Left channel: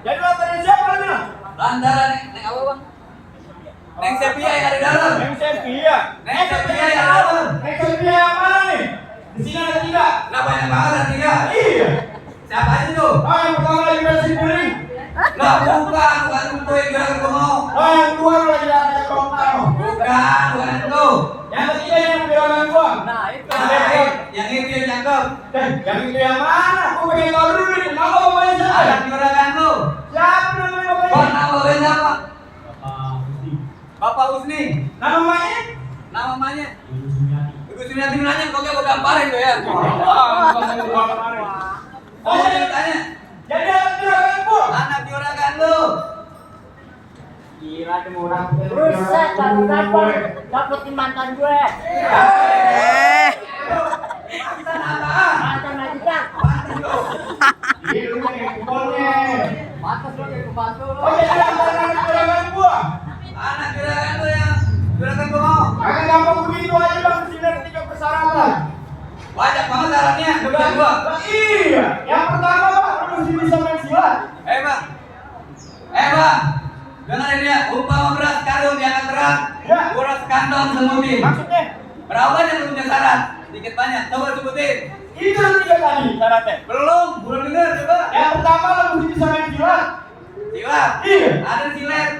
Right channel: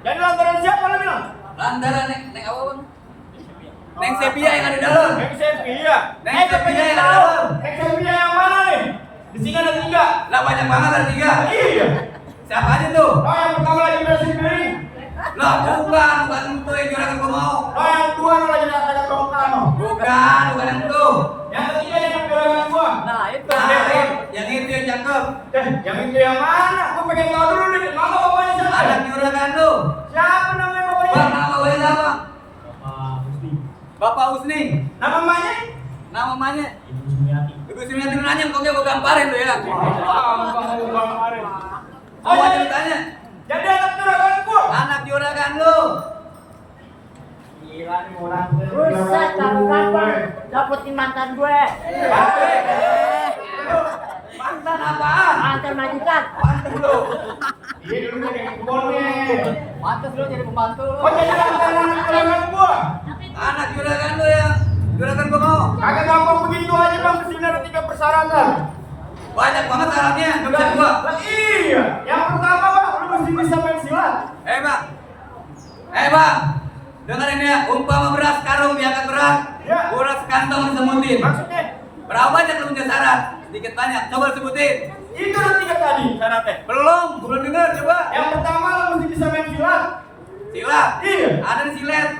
Jadi lantaran siapa lu bilang? Lantaran neng apa bang? Neng Sepia yang ada di dalam. Neng Sepia. Neng Sepia yang dalam. Neng Sepia yang mana nih? Di sini ada 3. Lah banyak banget ada 3. Iya. Siapa aja tuh? Oh yang pertama lagi bersih piring. Lah bukan itu yang juragan gua mau. Oh yang kedua lagi ada tongkang. Bukan itu. Yang ketiga yang juragan gua. Nah itu. Yang itu yang cakep. Yang itu yang mana? Gua pengen tahu dulu nih. Nama bapaknya siapa? Ada juragan tuh. Siapa namanya bapaknya? Nama bapaknya siapa? Bapak Husni. Nama mamanya? Nama mamanya? Ibu Sumiati nanya kok gua gamparin lu ya. Wah, kamu gamparin. Oh jadi tanya. Jadi anak juragan gua. Anak juragan lu. Gila nih orang. Buset, kapan dapetin mantan gue? Mantan apaan? Mantan majikan. Mantan lu. Iya lu nih kumpulnya. Mantan lu jadi pembantu. Oh jadi anak juragan gua. Anak juragan lu yang juragan gua mau. Kagak gampang begitu aja bang. Kesini ada 3 persyaratan. Banyak banget syaratnya. Juragan gua. Lah iya. Yang pertama bang, lu mesti bisa main silat. Bang. Bang. Dengerin ya, umpama beras karung diangkat berat, Ya. uras kantong sebutin. Maksudnya? Berapa banyak lu punya syarat? Sedikit banyak, coba sebutin. Itu yang 3 tadi syaratnya. Belum dengar coba. Yang pertama lu mesti bisa main silat. Silat. Iya. Ada di silet.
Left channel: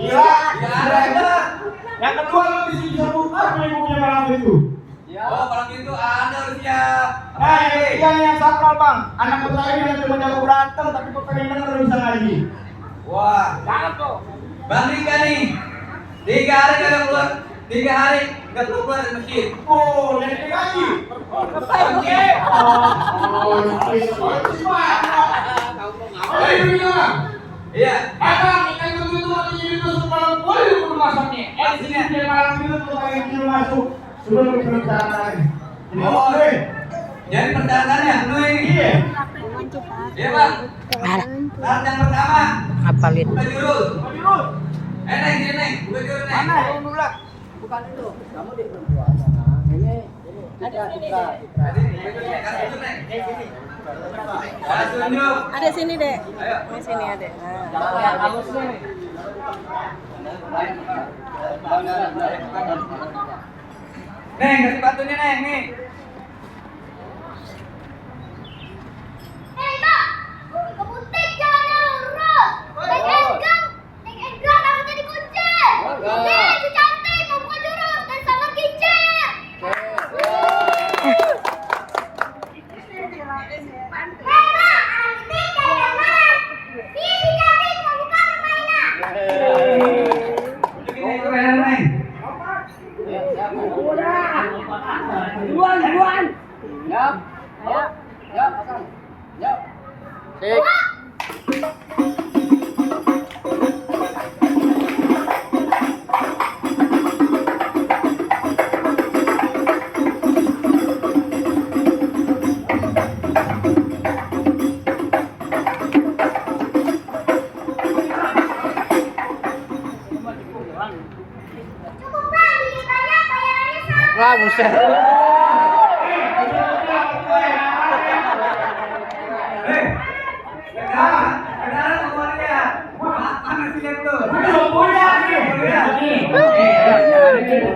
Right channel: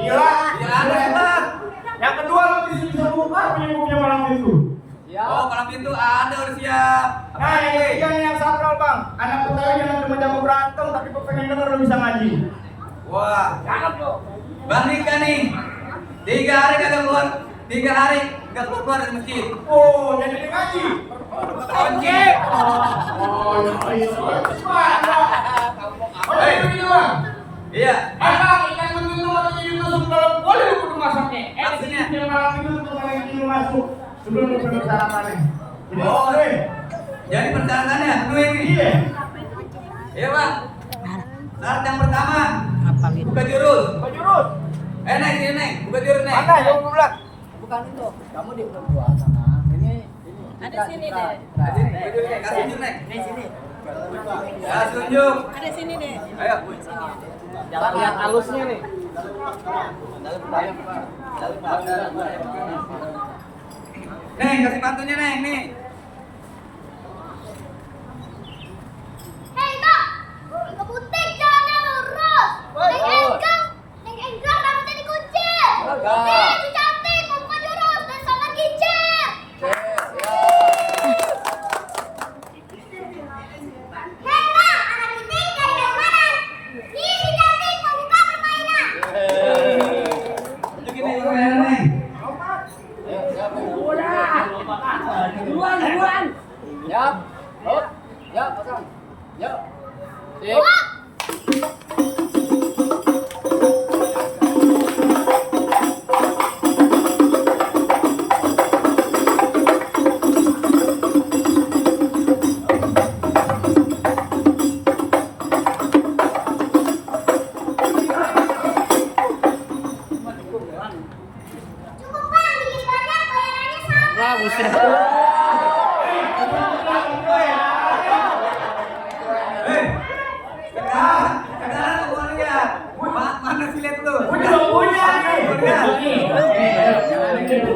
Silat. Ya ada hebat. Yang kedua lu mesti bisa buka punya malam itu. Oh, malam itu ada udah siap. Nah, yang ketiga nih yang sakral bang. Anak Betawi yang cuma jago berantem tapi gue pengen denger lu bisa ngaji. Wah, Jangan tuh. Bang Dika nih. 3 hari kagak keluar. 3 hari nggak keluar dari masjid. Oh, jadi dia ngaji. Oke. Oh, ini begini bang. Iya. Bang, ikan begitu atau jadi tusuk dalam boleh lu kudu masaknya. Di sini dia malam itu tuh pakai kecil masuk. Sebelum lu belum saratannya. Oh, jadi persyaratannya penuhi. Iya. Iya bang. Syarat yang pertama. Apalin. Buka jurus. Kau jurus. Neng, sini neng. Buka jurus neng. Mana yang belum bilang? Bukan itu. Kamu di perempuan sana. Ini. Ada sini deh. Kasih tunjuk neng. Di sini. Kasih tunjuk. Ada sini deh. Ayo. Di sini ada. Jalan yang halusnya nih. Neng, kasih pantunnya neng nih. Hei Kak, ke butik jalannya lurus. Neng Enggang rambutnya dikuncir. Nih, si cantik mau buka jurus dan sama kincir. Hei Kak, anak butik dari gambaran. Nih, si cantik mau buka permainan. Tunjukin neng, keren neng. Duluan. Ya. Oh. Ya, pasang. Ya. Cukup bang, bikin banyak bayarannya sama. Wah, buset. Sekarang lu mau lihat. Mana si lihat tuh? Udah punya nih. Lihat. Nih, jangan gitu,